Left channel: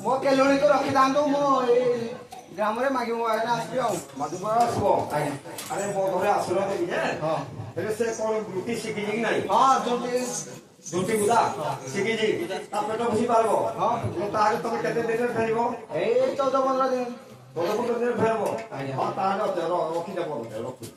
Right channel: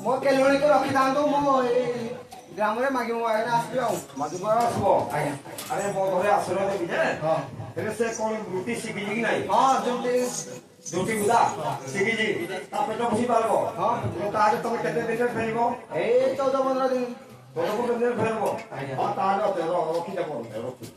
मो केलोनी तो रखी दांतो मो ग्राम रे मागी मो आगे आसबी आ मागी पर आसबो आज्ञा अरे मो घरे आसरो देबी जे हां तेरे से कोन ब्रूटी शिखी जी नहीं हां जोटी गुदा शिखी जी ता पेट बसी पारबो हां तो ताके तुम केते दिन फेरबो ए 14-15 दिन 14-15 दिन फेरबो आज्ञा हां ताले तेरो रखी देबो रखी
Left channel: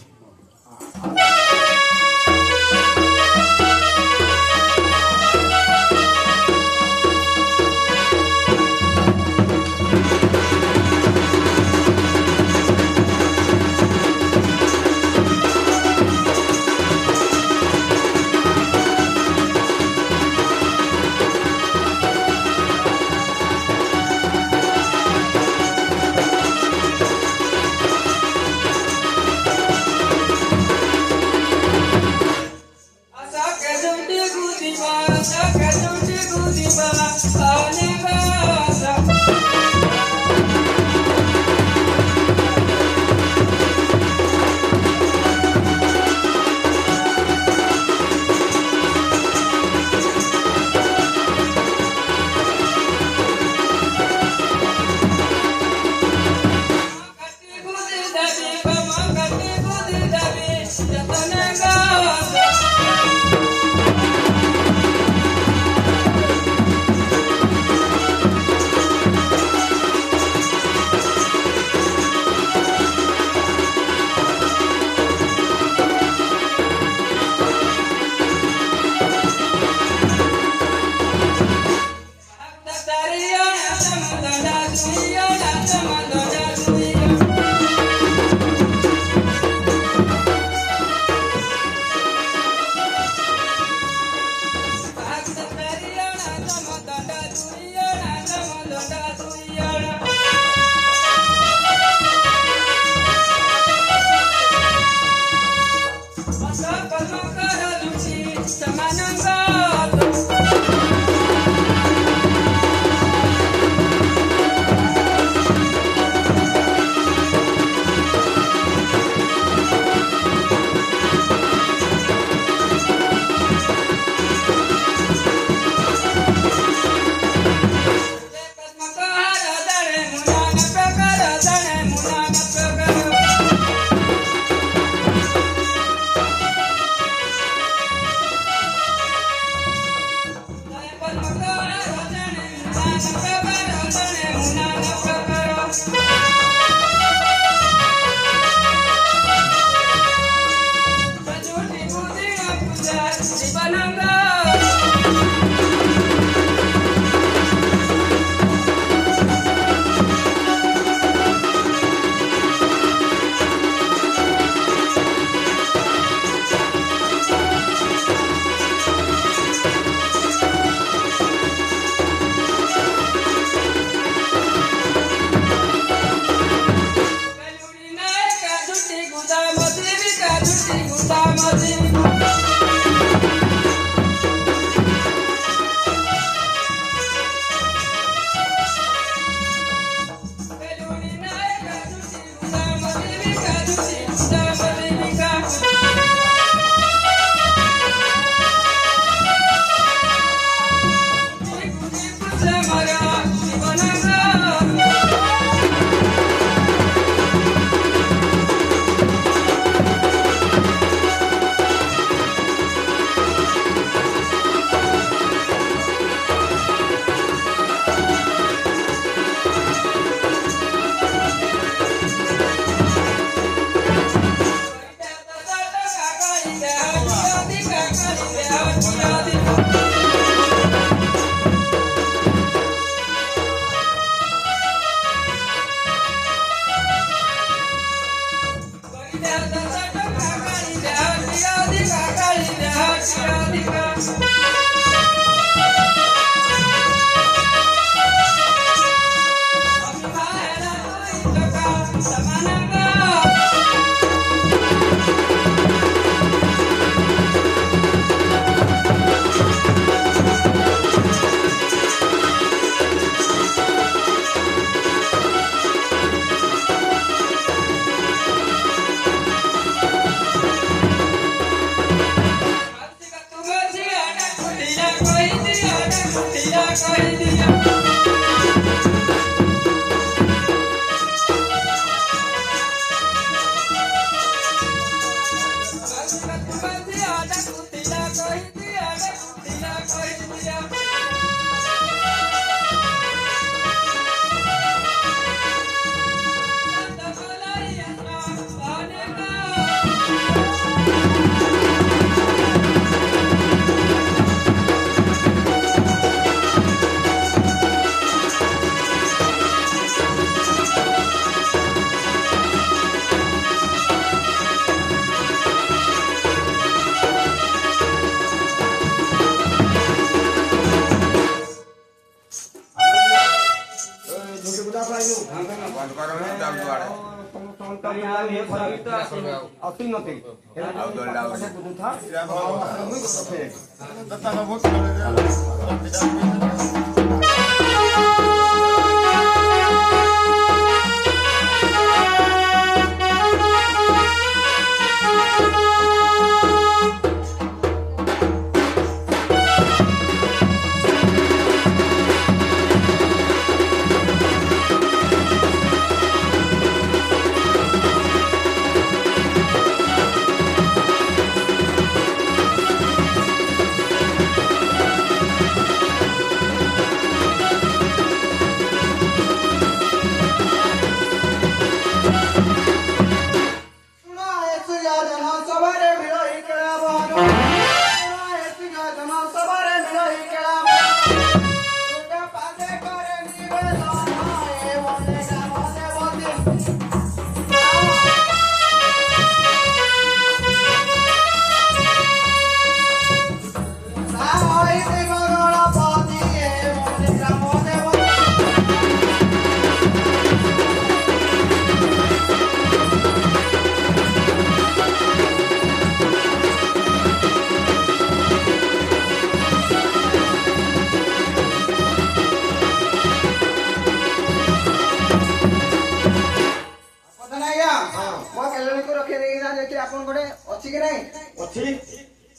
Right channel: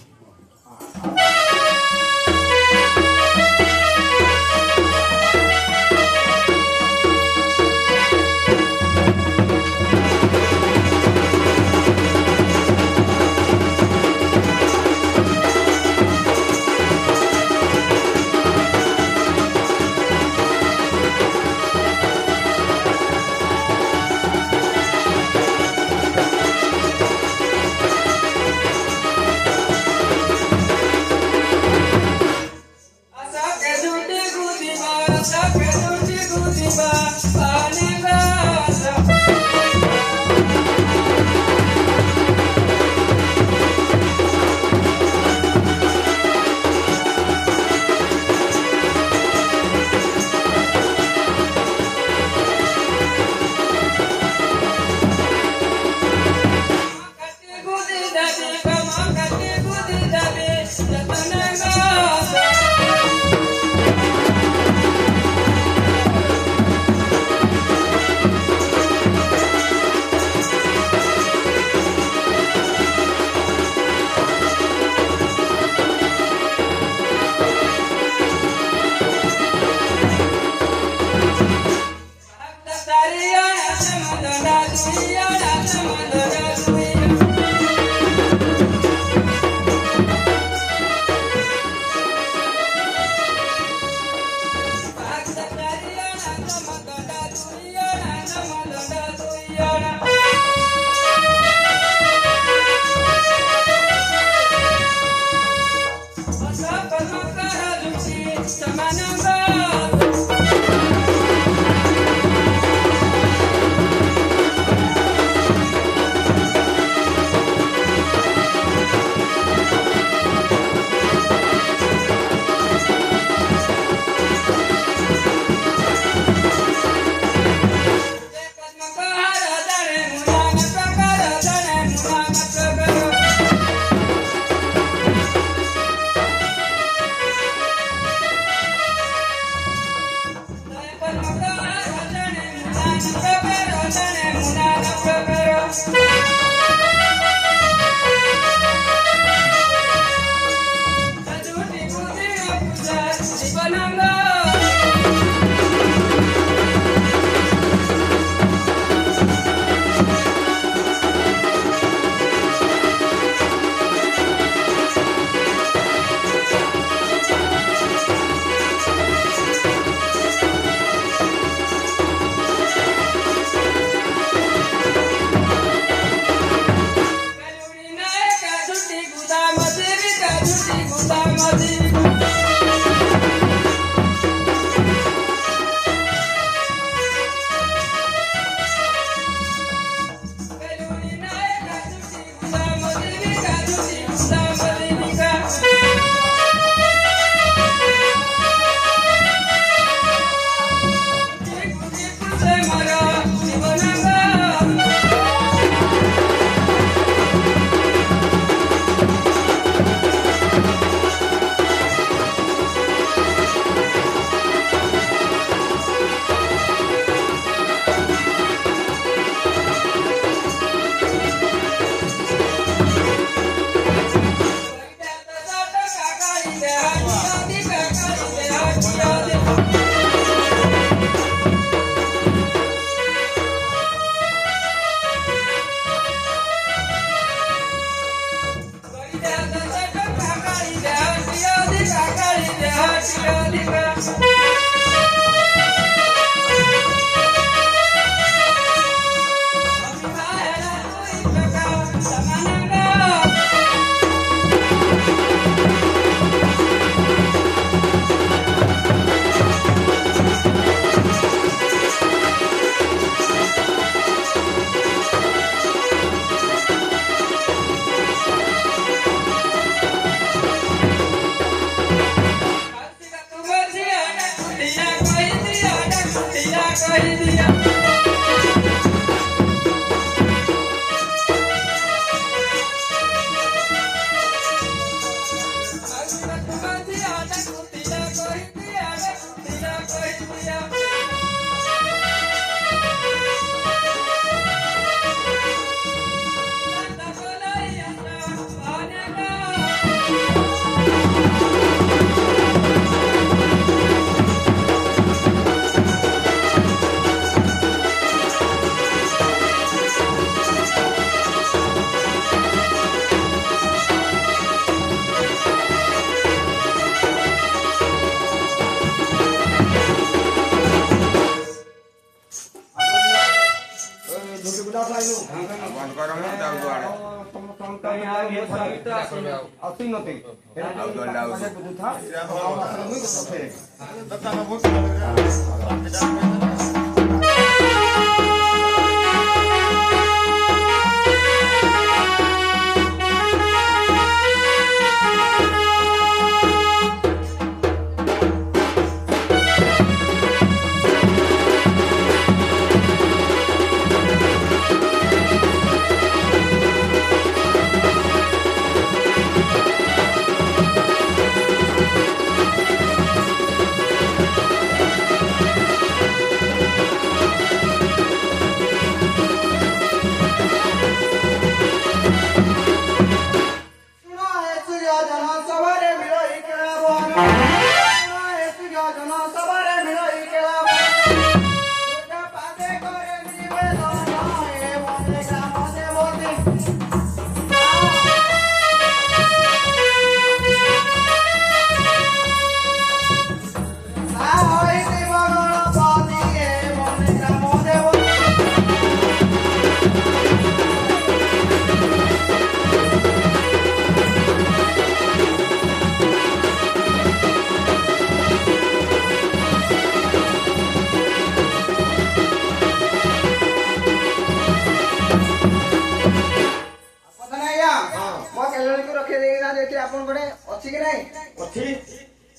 आपन बड़े अच्छी के नहीं अच्छी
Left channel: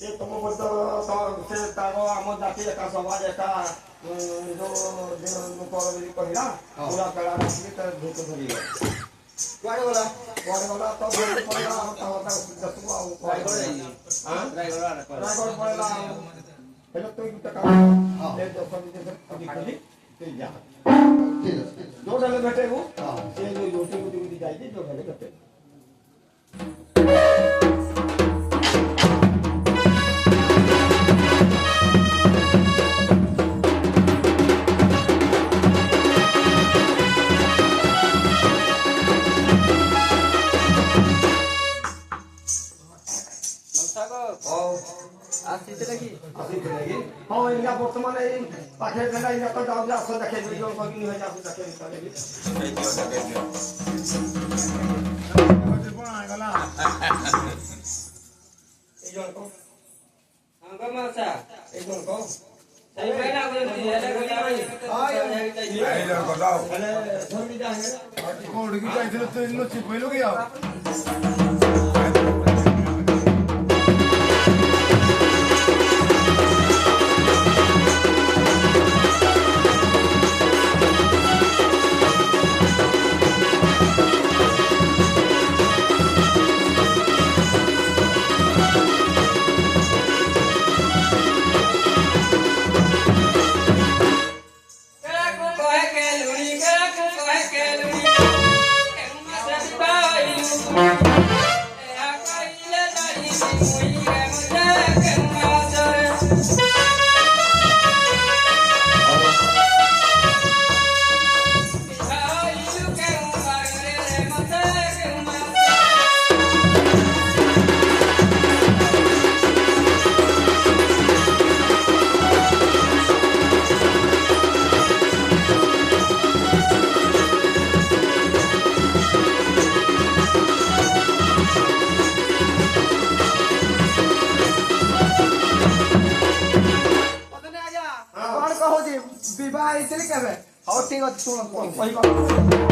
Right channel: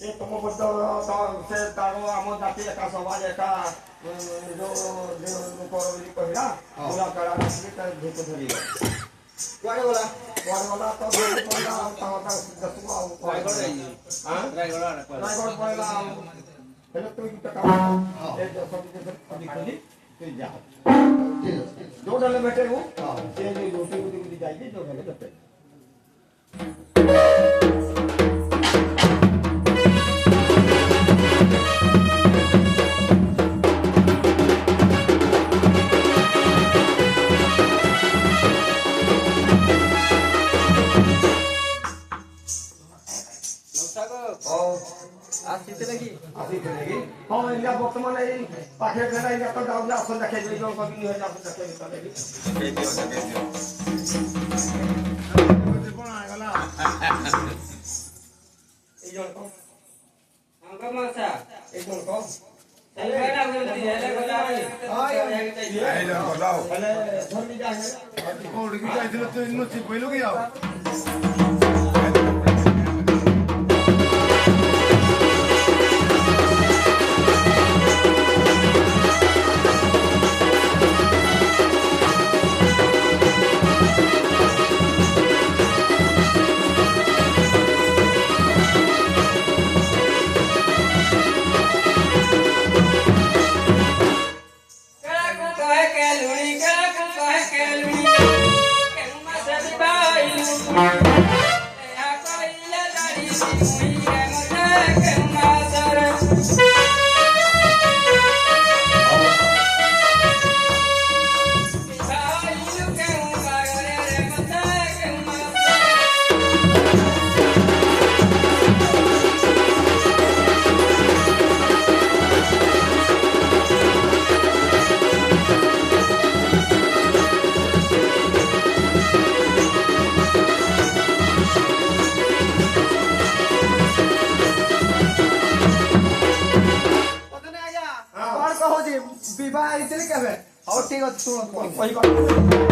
ये तुम बोलते से तारो आम जाति एका समाज एका जो लोकर भी कहला पूरा कला के त धोक धरी कुआडे बोला तो धोक पड़ेगा ता दसवा रायगढ़ हां रायगढ़ पड़ेगा हेलो तो टका ए जो सब जैसे कभी ते जा दो डले बैठे हो ये जो रोटी गुदी जाएगी जो डले बैठे आसीते लगी हां इनका वर्तमान ए पाखे देला इनका तो जाऊ आसन देखे जो कभी नहीं है आसन देखे निकलेगी ए जोन को अंगा मासा ए जोन को बेटा को दिया लगा हां ये बोलाओ अरे धोनी का है कोड की जाइथिलो तो इनो चिप पहिलो गया विवाह इतने केबे और ठीक है सुनो वही बात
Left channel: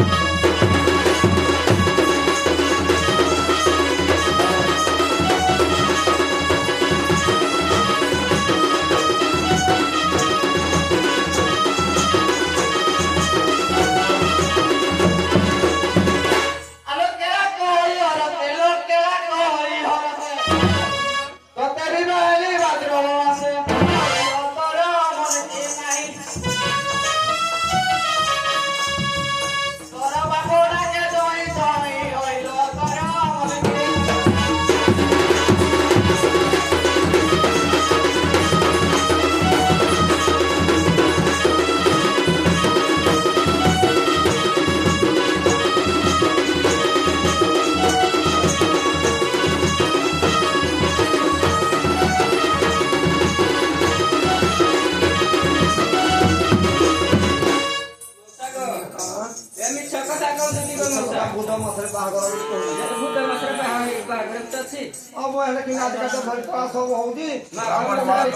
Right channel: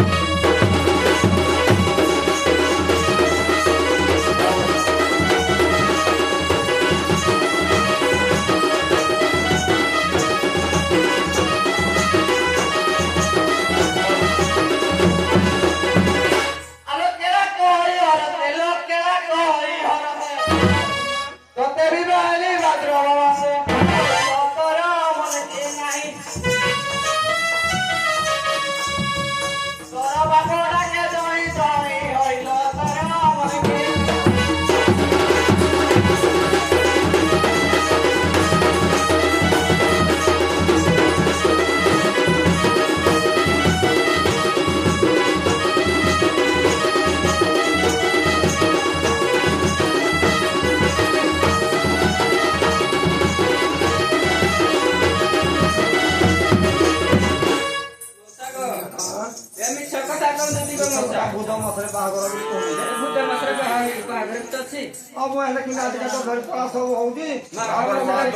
ତ ଅଛି अब वो है कि ना देखा तो घर का सब होगी और हमारे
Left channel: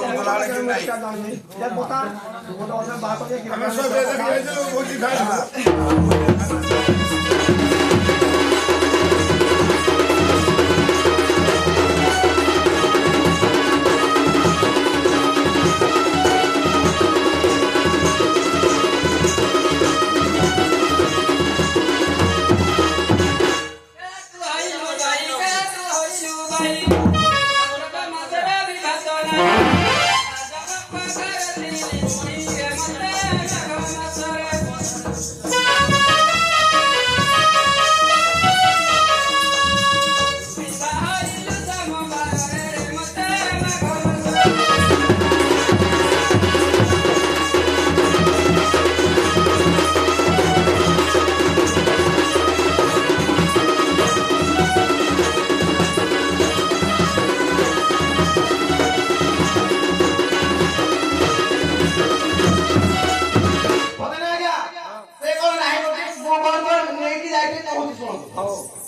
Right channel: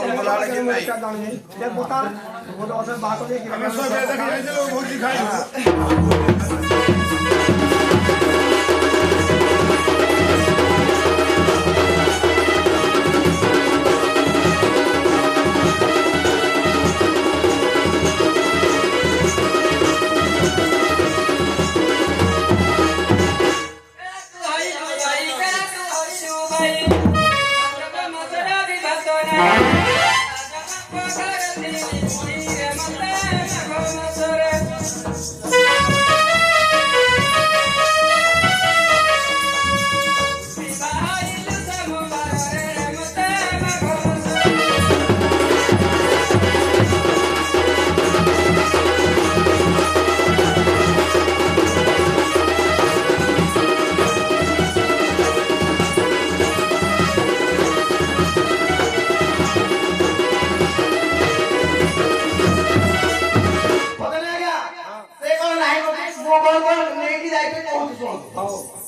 क्या नाम है ये बता वो तो और बात है कि बहुत दिखाई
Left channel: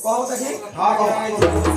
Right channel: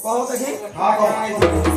कहो कहीं हाँ कहो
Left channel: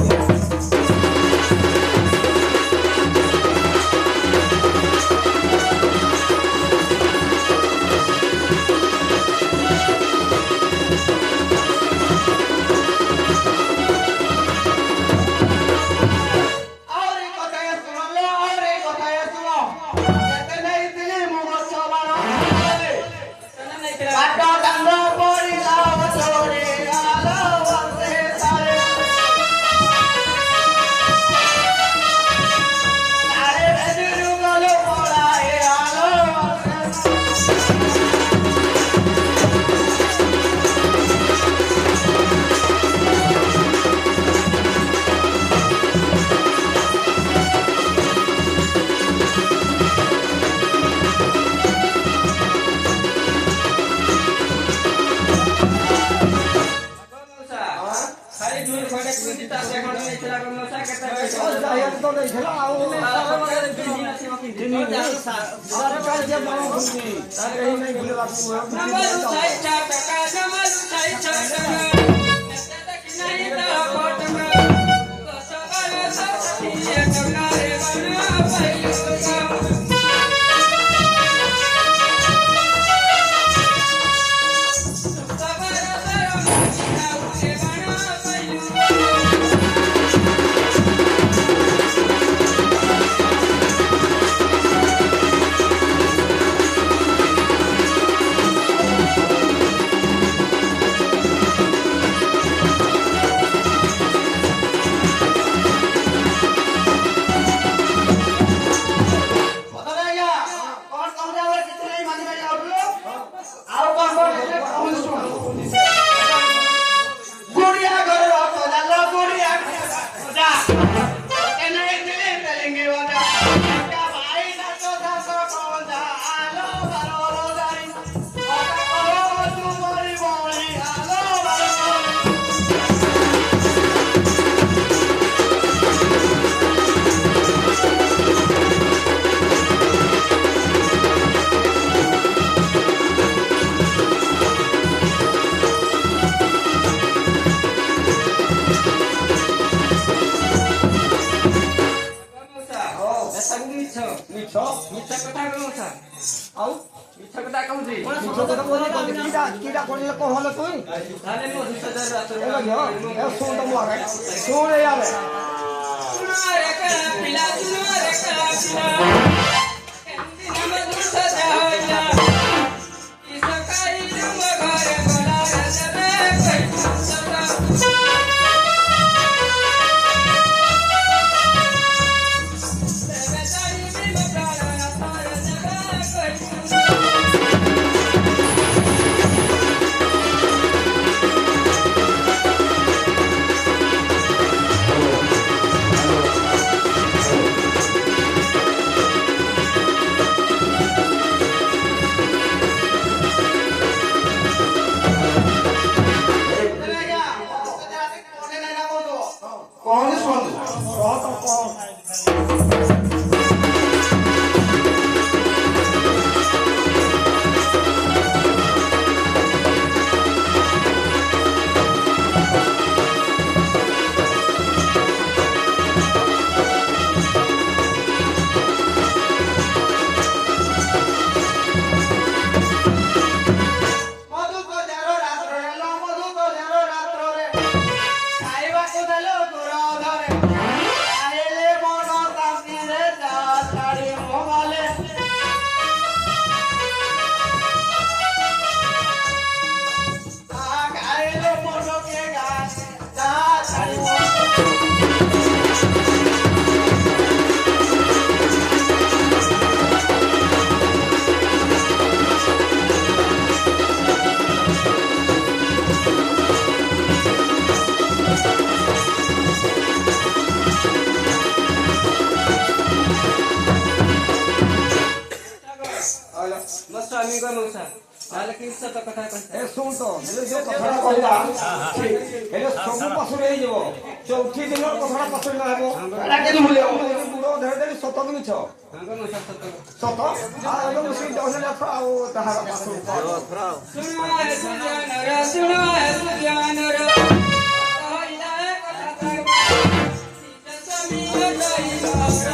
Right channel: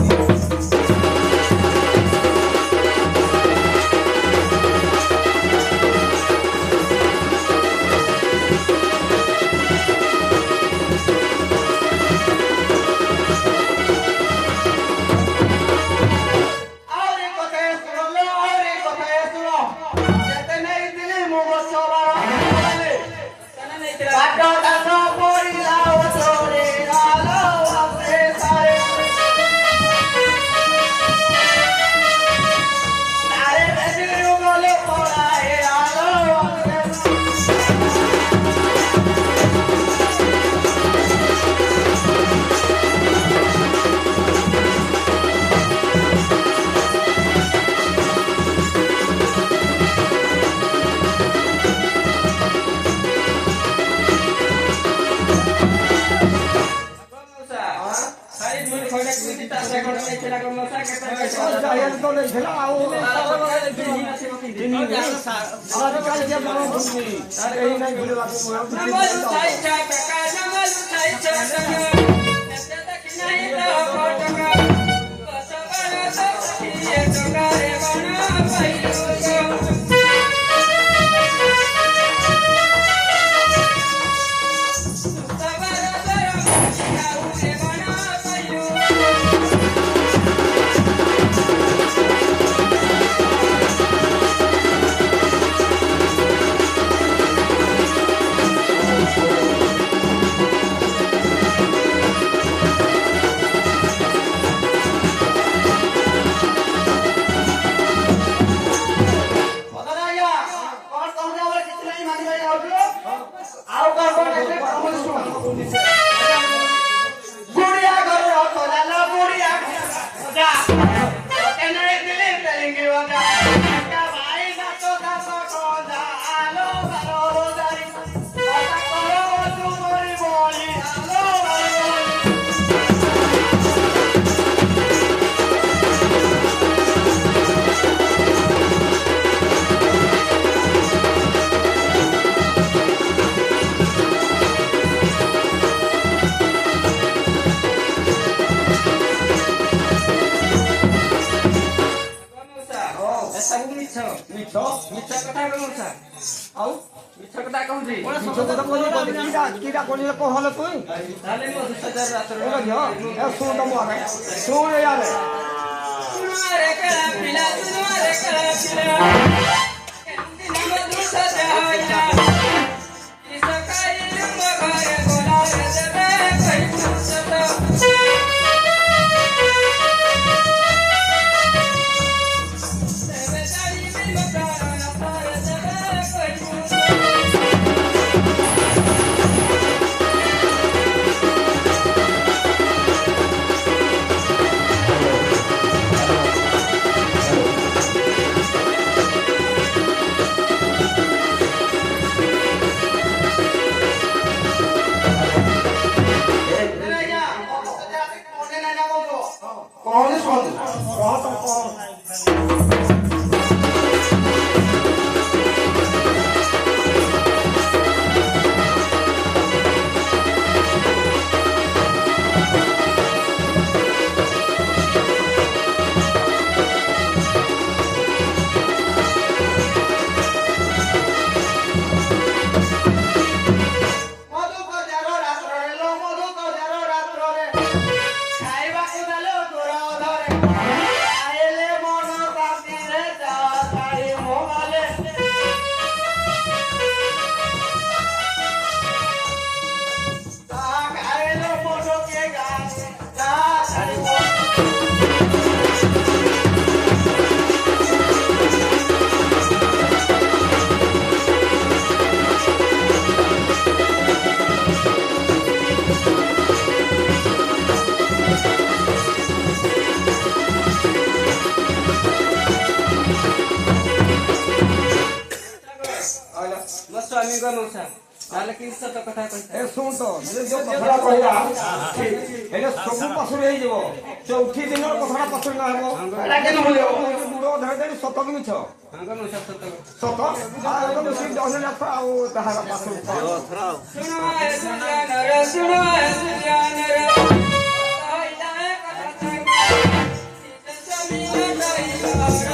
ମୋ ସ୍ୱାମୀଙ୍କ ମଉସା ତାହେଲେ କି ସତ କଥା କହିଥା ଏ ଶୁଣ ତ ଯେ ଯୋଉ କଥାଟା କହିଲା ଏଇଟା ସବୁ ପଶୁରେ ହେଇଯିବ ଚଉଠି ଦିନ କଥାଟା ପଶୁ ନା ହେବ ଏଇଟା କେମିତି ଭୁଲିବ ବୁଢ଼ ଧରିଦେଲି ସତ କି ମିଛ ହଙ୍ଗ ମଉସା ସତ କଥା ସତ ଆଉ ଏବେ ମିଶିକି ଦଶ ଯାତ୍ରା ଆଉ ତାହାର ପାଶୁ ଶୁଣ ଏ ସୁଜାନର ଶୁଣ ଏ ସୁଜାନର କହିଲା କଥା ସ୍ୱାମୀ